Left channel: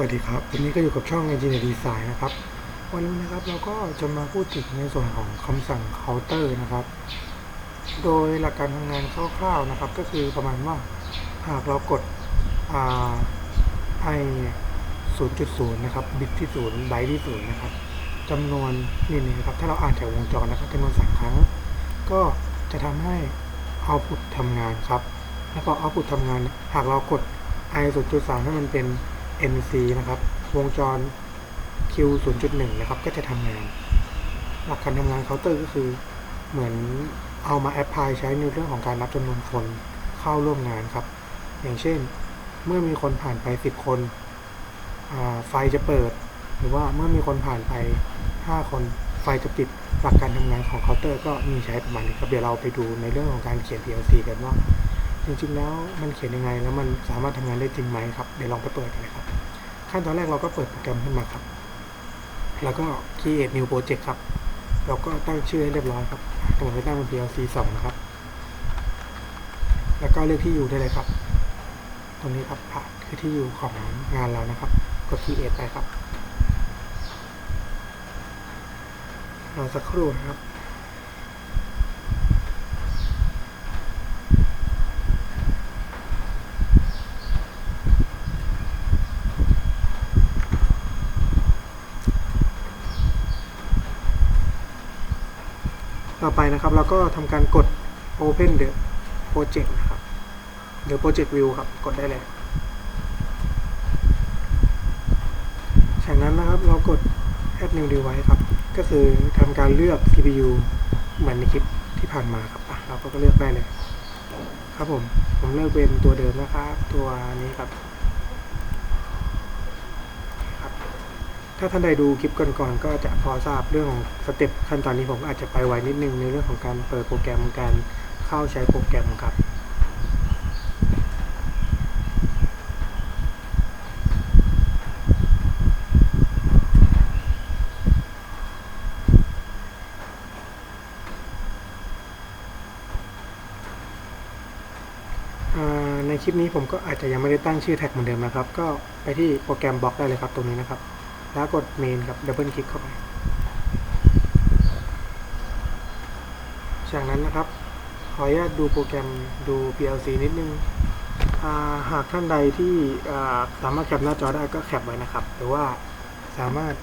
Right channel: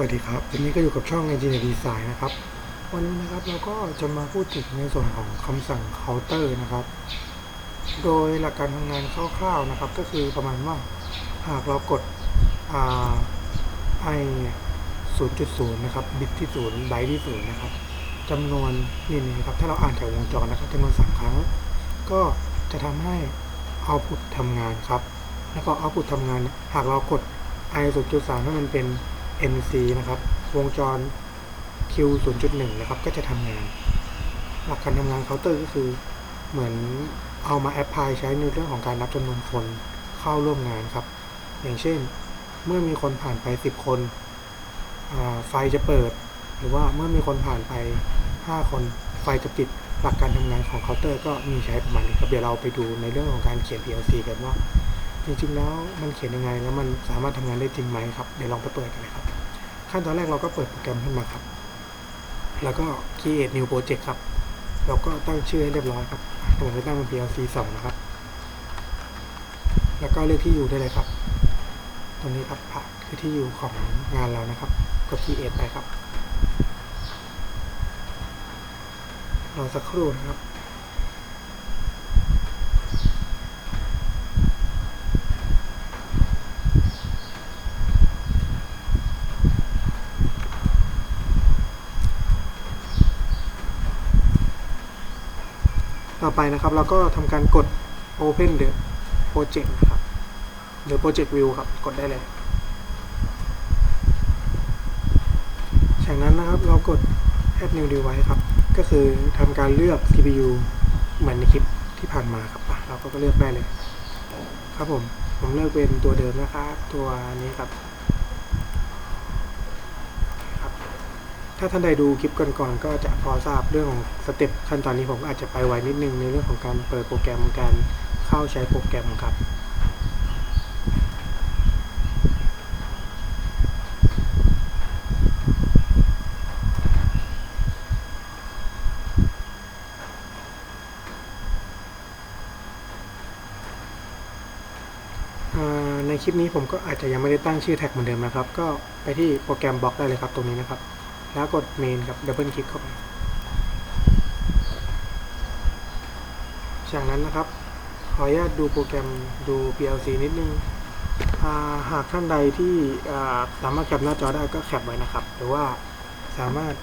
สวัสดีครับ วันนี้ก็อยู่กับช่อง Engineer Design นะครับ วันนี้นะครับเราก็จะมาพูดถึงในส่วนของคำสั่ง counter นะครับ โดยหลักการทำงานคร่าวๆนะครับ ก็คือประมาณว่าหากเรากด R i 0.0 นะครับ บิตที่0ไบต์ที่0นะครับจำนวนนี่นี่นะครับ ถ้าเราอ่านจากวงจรนะครับจำนวน 3 ครั้ง ก็จะทำให้ output ทำงานครับ แล้วก็ output ทำงาน หากเรากด i 0.3 ให้มันเป็น NC นะครับ วงจร Q 0.1 นะครับ ก็จะทำงาน หลักการทำงานเคาน์เตอร์ก็คือ เหมือนเอามาแอพพลายใช้ในเรื่องของการนับจำนวนคนเข้าร่วมงานครับ อย่างเช่น เมื่อมีคนผ่านไป 10 คน ไฟจะเปิด หรือว่าเมื่อมีคนผ่านไป 5 คนไฟจะปิด หลักการทำงานของเคาน์เตอร์ก็มีใช้ประมาณนี้ครับเดี๋ยวเราไปดูในเรื่องของการเขียน PLC กันว่าจริงๆแล้วมันเขียนยังไงแล้วมันสามารถทำงานได้จริงไหมครับ เดี๋ยวลองไปเปิดกันเลยครับ ขั้นตอนแรกเราก็เปิดโปรแกรมขึ้นมาครับ แล้วก็ create new project ครับเราก็ตั้งชื่อให้เรียบร้อยครับตรงนี้ตั้งเป็น PLC 2 นะครับ แล้วก็เลือกที่อยู่ได้เลยครับ ตรงนี้ครับผ่าคือที่อยู่ของงานเรานะครับ กด create ไปครับ รอสักครู่นะครับ ต่อไปนะครับ เราก็ทำการกด Open the Project นะครับหรือ Project View ครับ กดได้เลยจากนั้นนะครับเรากด Add New Device ครับ ก็คือทำการเลือก CPU เหมือนในคลิปที่ผ่านมาครับอะเราก็เลือกได้เลย ครับผม ผมเลือกเป็นตัวเดิมนะครับ ตัวนี้ครับ ถ้าท่านใดดูคลิปก่อนๆก็จะพอทราบเรื่องของสเต็ปขั้นตอนนี้ผมอาจจะไปไวนิดนึงในเรื่องของการเปิดโปรแกรมการเข้าใช้โปรแกรมครับในคลิปนี้ผมก็อาจจะยังไม่ได้ตั้งชื่อแท็กเหมือนเดิมนะครับ ก็ไปที่โปรแกรมบล็อกได้เลยครับตรงนี้นะครับ แล้วกดเมนครับดับเบิลคลิกเข้าไป จากนั้นนะครับ ขออนุญาตดูโปรแกรมดู PLC นิดนึงาหากท่านใดที่สามารถแคปหน้าจอได้ก็แคปไว้นะครับ หรือว่าสามารถ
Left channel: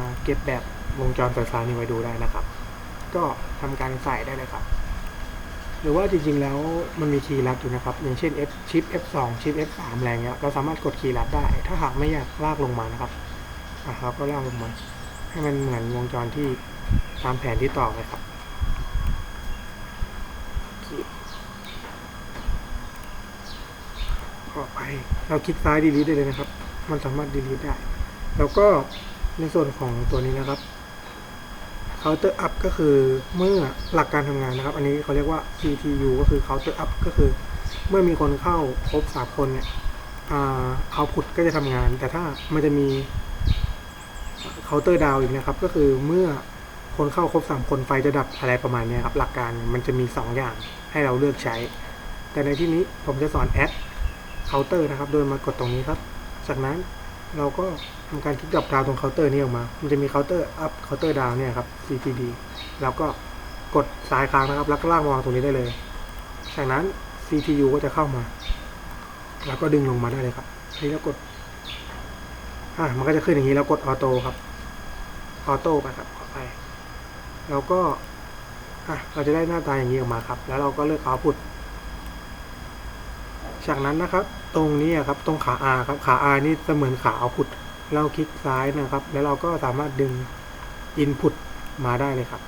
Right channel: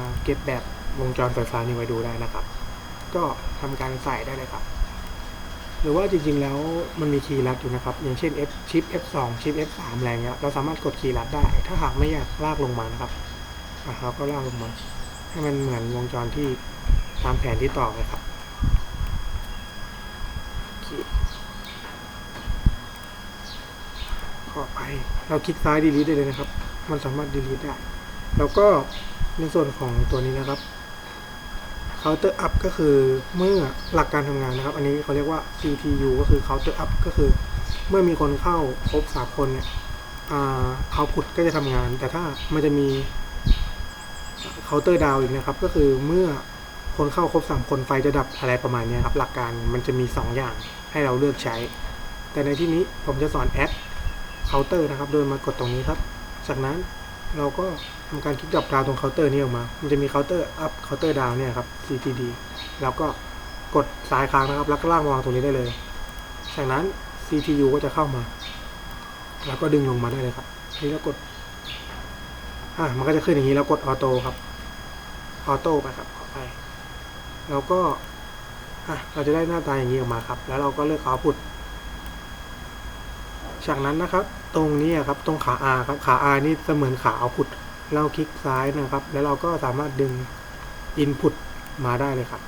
าเก็บแบบวงจรไฟฟ้านี้ไว้ดูได้นะครับ ก็ทำการใส่ได้เลยครับ หรือว่าจริงๆแล้วมันมีคีย์ลัดอยู่นะครับ อย่างเช่น F ชิป F2 ชิป F3 อะไรเงี้ยเราสามารถกดคีย์ลัดได้ ถ้าหากไม่อยากลากลงมานะครับอะเราก็ลากลงมา ให้มันเหมือนวงจรที่ตามแผนที่ต่อไปครับโอเคต่อไป เราคลิกซ้าย delete ได้เลยนะครับ มันสามารถ delete ได้ แล้วก็ในส่วนของตัวนี้นะครับ counter up ก็คือเมื่อหลักการทำงานนะครับ อันนี้เขาเรียกว่า CTU ก็คือ counter up ก็คือ เมื่อมีคนเข้าครบสามคนเนี่ยอ่า output ก็จะทำงาน แต่ถ้ามันจะมี counter down อีกนะครับ ก็คือเมื่อคนเข้าครบสามคนไฟจะดับอะไรประมาณนี้ครับ หลักการมันจะมีสองอย่างให้เราเลือกใช้ แต่ในที่นี้ผมจะสอน add counter นะครับ โดยมากดตรงนี้ครับ จากนั้นเราก็ ทำการคลิกดรอปดาวตรงเคาน์เตอร์นี้ออกมา มันจะมีเคาน์เตอร์อัพเคาน์เตอร์ดาวเนี่ยครับ CTD แล้วก็กดซ้ายค้างนะครับ แล้วก็ลากมาวางตรงนี้ได้เลย จากนั้น CTU ก็จะเข้ามา แล้วก็ดึงลงมาได้เลยครับอันนี้เรากด อ่า มันก็จะขึ้นอย่างนี้แล้วกดออโต้ครับ ออโต้ไปครับขอไป แล้วก็ อะ เราจะได้หน้าตาอย่างนี้ออกมาครับ แล้วเราก็เลือก output จากนั้นนะครับ ตรงนี้ครับ ตรงขา R ครับ ขา R นี่เสมือนขา output เราคลิกซ้ายนะครับ แล้วเราก็สามารถดึง input มาได้เลยครับ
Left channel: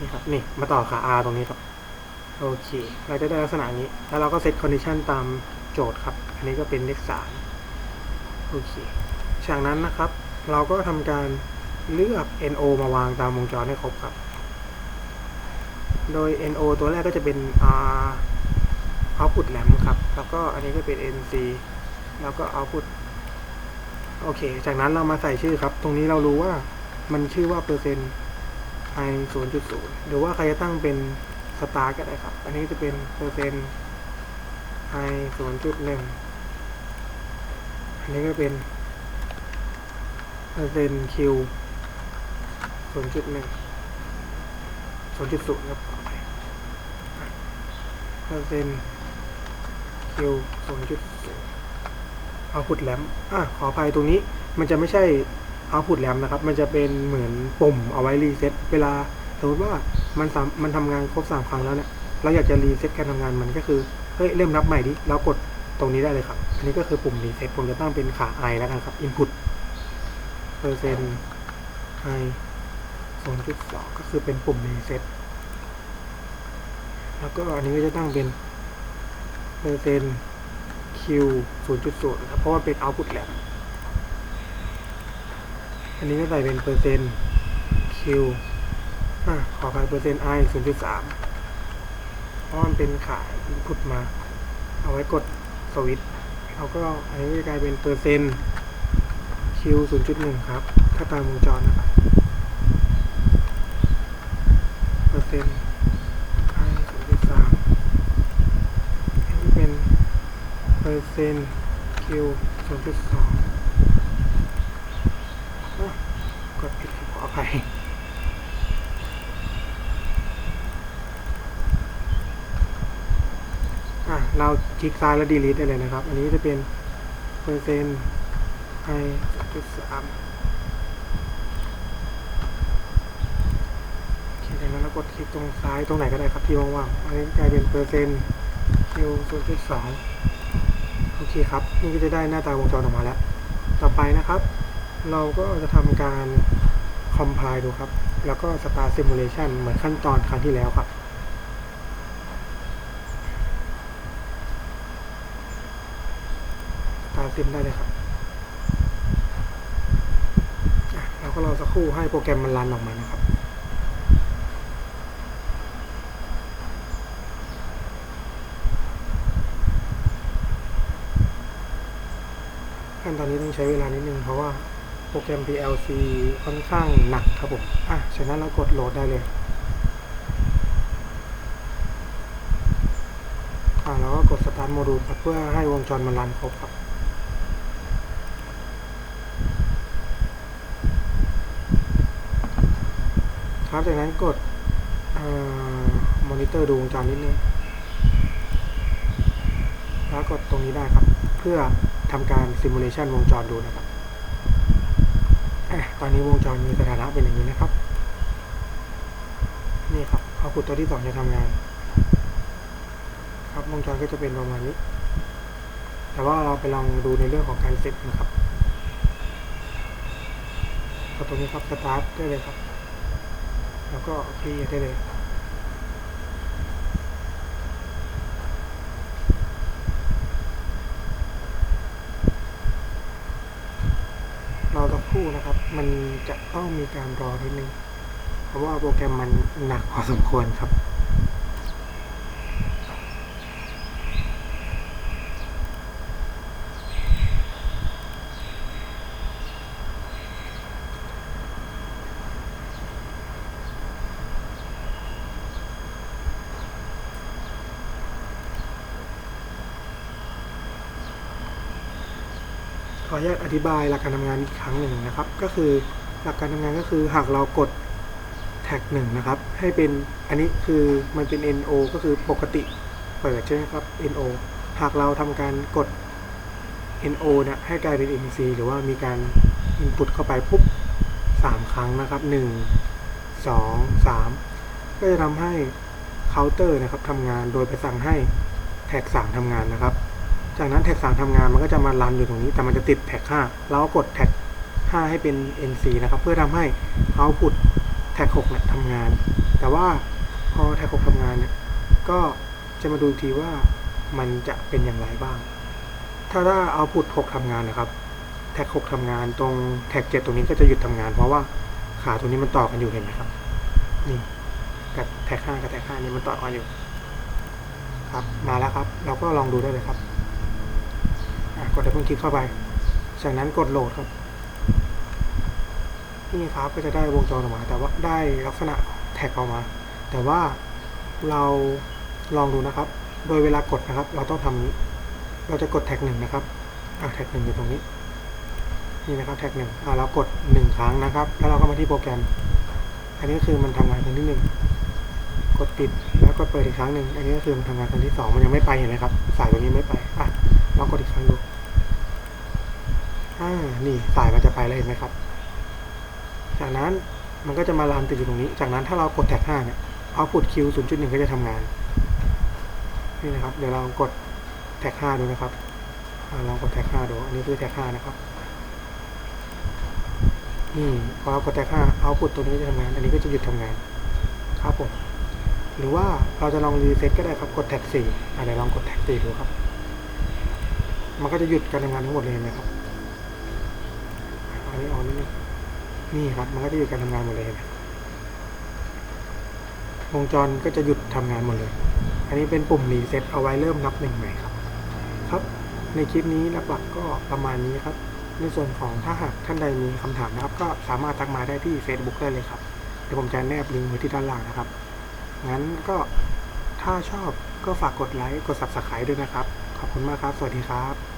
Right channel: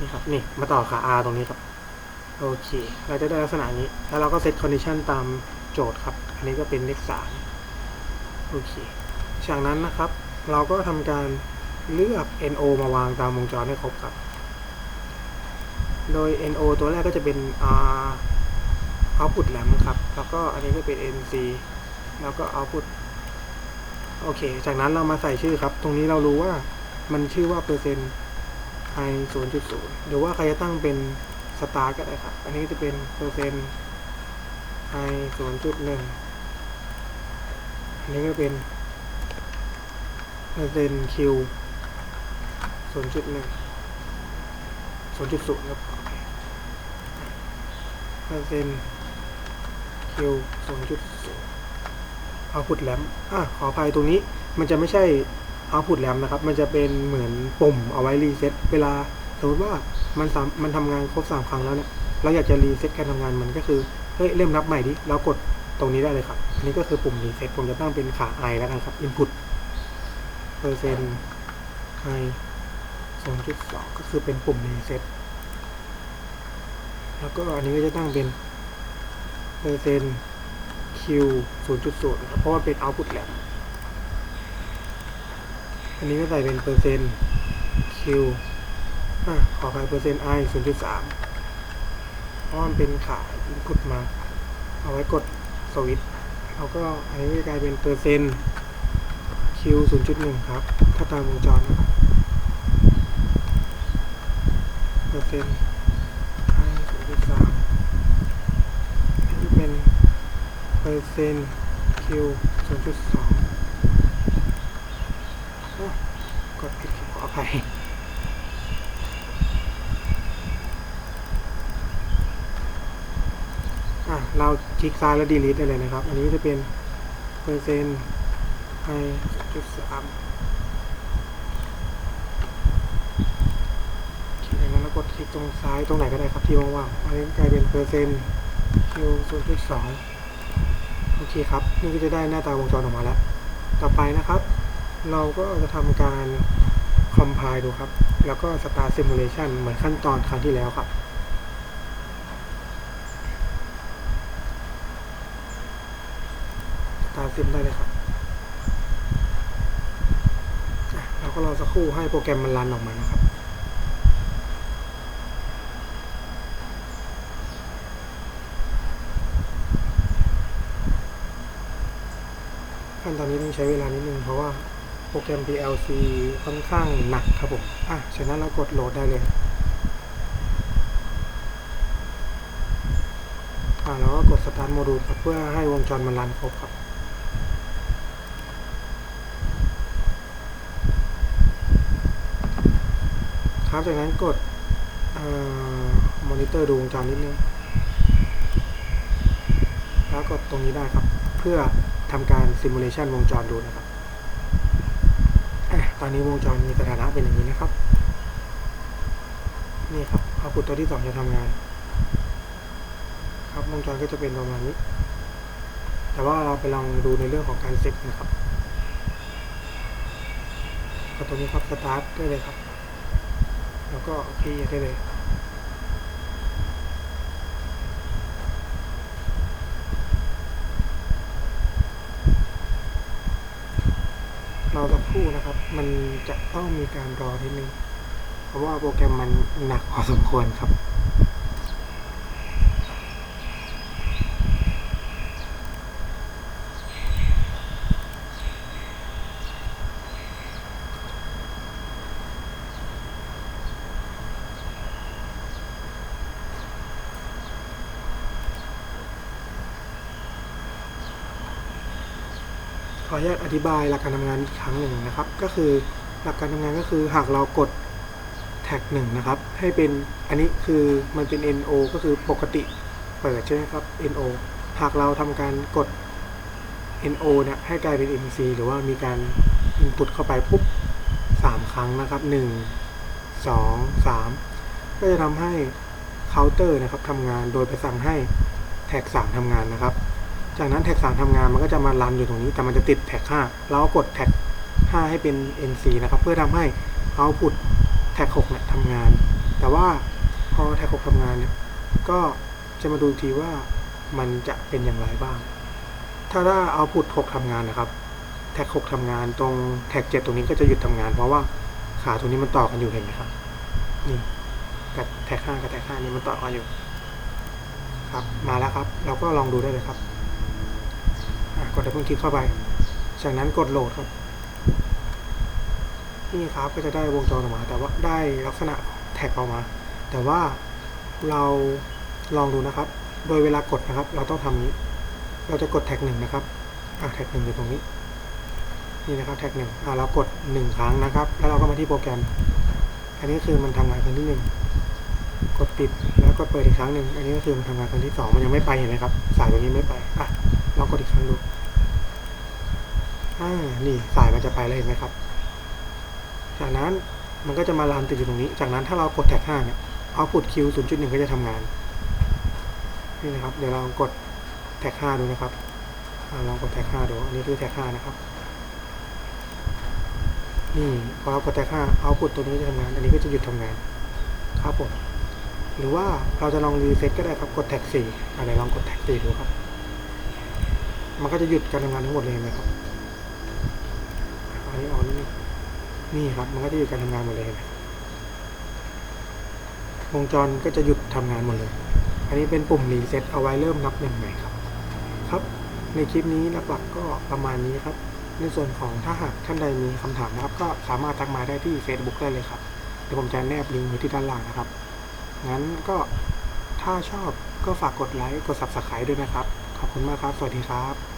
นี่ครับนี่มาต่อขา R ตรงนี้ครับโอเค เราจะได้ลักษณะนี้ แล้วเราก็เซต condition ตามโจทย์ครับ อันนี้ก็เป็นเลขสามโอเค จากนั้นนะครับ เราก็ทำการเลือก NO มาวางตามวงจรให้ครบครับ โดย NO ตัวแรกก็จะเป็น R output แหลมครับ แล้วก็อันนี้ก็เป็น NC แล้วก็ output โอเค จากนั้นเรามาใส่ชื่อครับ ตรงนี้เรารู้ว่ามันชื่อว่าเปอร์เซ็นต์ไอศูนย์จุดศูนย์หรือว่าใครจะตั้งเป็นสตาร์ก็ได้ครับ อันนี้จะเป็นเปอร์เซ็นต์ไอศูนย์จุดหนึ่งอันนี้ก็เป็นเปอร์เซ็นต์คิวศูนย์จุดหนึ่งศูนย์จุดศูนอเครับเปอร์เซ็นต์คิวศูนย์จุดศูนย์ output lamp อะขออภัยตรงนี้มันจะไม่ใช่ output lamp นะครับ มันจะเป็นเหมือนปุ่มเอาไว้รีเซ็ตเวลาสมมติว่ามันสามมันทำงานครบ 3 ครั้งแล้วเนี่ยเราอยากจะรีเซ็ตการทำงานมันก็คือเฮ้ยเริ่มนับใหม่ดิเรากดตรงนี้ได้เลยครับ อันนี้ก็คือปุ่มรีเซ็ตผมจะตั้งเป็นขา i แล้วกันครับ input เปอร์เซ็นต์ i 0.2 ก็คือเป็นปุ่มรีเซ็ตแล้วก็อันนี้ก็จะตั้งเป็นเปอร์เซ็นต์ q 0.0ครับเพราะว่าเป็น output lab อันนี้ก็ใส่เป็นเปอร์เซ็นต์ q อะขอไปเปอร์เซ็นต์ i 0.3เพราะมันเป็นขาย input มา เอาไว้กดสวิตช์แล้วก็อันนี้จะกลายเป็นเปอร์เซ็นต์ q 0.1 ครับ ถ้าตามวงจรนะครับ เปอร์เซ็นต์ i 0.3อันนี้เป็นเป อร์เซ็นต์ q 0.2อ้าวกดผิดครับขออภัยอะเราคลิกซ้ายแล้ว delete ได้เลยนะครับ อันนี้จะเป็นเปอร์เซ็นต์ i จุดสามคลิกจากนั้นแล้วกดคลิกตรงซ้ายตรงไหนก็ได้ครับที่ว่างๆ อันนี้กลายเป็นเปอร์เซ็นต์ q ศูนย์จุดสอง โอเคครับ นี่ก็จะได้หน้าตาวงจรออกมาแล้ว ต่อไปนะครับ เราก็จะทำการ compile ดูครับ แล้วก็ start simulation เหมือนขั้นตอนครั้งที่แล้วครับตาซิมได้เลยครับเราก็รอสักครู่ให้โปรแกรมมันรันออกมานะครับ ตอนนี้ต้องใช้เวลานิดนึงเพราะว่าโปรแกรม PLC ค่อนข้างหนักครับผมอะฉะนั้นเรากดโหลดได้เลยอ่าแล้วก็กด start module ครับเพื่อให้วงจรมันรันครบครับครับจากนั้นกดมอนิเตอร์ดูวงจรนิดนึง แล้วกดตรงนี้ได้ครับ เพื่อ ทำการซิมูเลชันวงจรดูนะครับอะตอนนี้วงจรมีสถานะเป็นอย่างนี้นะครับ นี่ครับเอาพุตตัวที่สองจะทำงาน ครับวงจรก็จะเป็นประมาณนี้ แต่ว่าเราไปลองดูในเรื่องของการเซตนะครับกดตรงนี้ครับสตาร์ทได้เลยครับ แล้วก็เคลียได้เลย รอสักครู่นะครับ มันจะต้องมีการรอนิดนึง เพราะว่าโปรแกรมมันหนักพอสมควรครับ ออนุญาตอธิบายหลักการทำงานอีกครั้งหนึ่งนะครับ ก็คือหลักการทำงานก็คือหากเรากดแท็กหนึ่งนะครับ ให้เป็นอันนี้คือมันเป็น NO ก็คือปกติเปิดใช่ไหมครับ NO หากเราทำการกด NO เนี่ยให้กลายเป็น NC หรือว่ามีการ input เข้าไปปุ๊บสามครั้งนะครับหนึ่งสองสามก็จะทำให้เคาน์เตอร์นะครับทำงานโดยไปสั่งให้แท็กสามทำงานนะครับ จากนั้นแท็ก3ทำงานมันก็จะมารันอยู่ตรงนี้ แต่มันจะติดแท็ก5เราก็กดแท็ก5ให้เป็น NC นะครับ เพื่อทำให้ output แท็ก6เนี่ยทำงาน แต่ว่าพอแท็ก6ทำงานเนี่ยก็จะมาดูทีว่ามันจะเป็นอย่างไรบ้าง ถ้าถ้า output 6ทำงานนะครับ แท็ก6ทำงานตรงแท็ก7ตรงนี้ก็จะหยุดทำงาน เพราะว่าขาตรงนี้มันต่อกันอยู่เห็นไหมครับ นี่กับแท็ก5กับแท็ก5นี่มันต่อกันอยู่ครับ มาแล้วครับ เราก็ลองดูได้เลยครับ กดดับเบิลคลิกเข้าไป จากนั้นกดโหลดครับ นี่ครับก็จะได้วงจรออกมา แต่ว่าได้ลักษณะแท็กออกมา แต่ว่าเราลองดูนะครับ โดยเวลากดนะครับ เราต้องทำนี้ เราจะกดแท็กหนึ่งนะครับอะแท็กหนึ่งอยู่ตรงนี้ นี่นะครับแท็กหนึ่งอ่าเรากดหนึ่งครั้งนะครับ แล้วเราก็มาที่โปรแกรม อันนี้ก็คือมันทำงานครั้งที่หนึ่งกดปิดแล้วกดเปิดอีกครั้งหนึ่ง อันนี้ก็คือมันทำงานครั้งที่สองมันยังไม่ไปเห็นไหมครับ สายตัวนี้ไม่ไป อะ เรากดอีกครั้งดูอ่านี่สายมันจะไปแล้วเห็นไหมครับ จากนั้นมันก็จะมาลานติดอยู่ตรงนี้ จากนั้นถ้าเรากดแท็กห้าเนี่ยเอาพุดคิวศูนย์จุดหนึ่งก็จะทำงาน นี่นะครับ เดี๋ยวเรากดแท็กห้าดูนะครับอ่าลองกดแท็กห้าดู อันนี้คือแท็กห้านะครับ นี่พอเรากดแท็กห้าเอาพุดตัวนี้จะทำงาน อันนี้ก็จะหยุดทำงาน ครับผม หรือว่าเราจะลองรีเซ็ตก็ได้ครับ กดแท็กสี่อ่าเดี๋ยวลองกดแท็กสี่ดูครับ มันก็จะหยุดการทำงานทั้งหมดเลยไหมครับอันนี้ออกนิดนึงนี่ครับ มันก็จะหยุดการทำงานหมดเลยนไหมวงจรก็จะหยุดทำงานหมดเลย อันนี้เป็นปุ่มรีเซ็ตเอาไว้เริ่มนับหนึ่งใหม่ครับ ครับในคลิปนี้หลักๆก็ประมาณนี้ครับ ในส่วนของถ้าหากท่านใดมีคำถามนะครับ ก็สามารถทักมาได้ที่ Facebook ได้เลยครับ เดี๋ยวผมจะแนบลิงก์ไว้ที่ด้านล่างนะครับ งั้นก็ถ้าชอบก็ฝากกดไลค์กด Subscribe ด้วยนะครับ ขอบคุณมากครับ สวัสดีครับ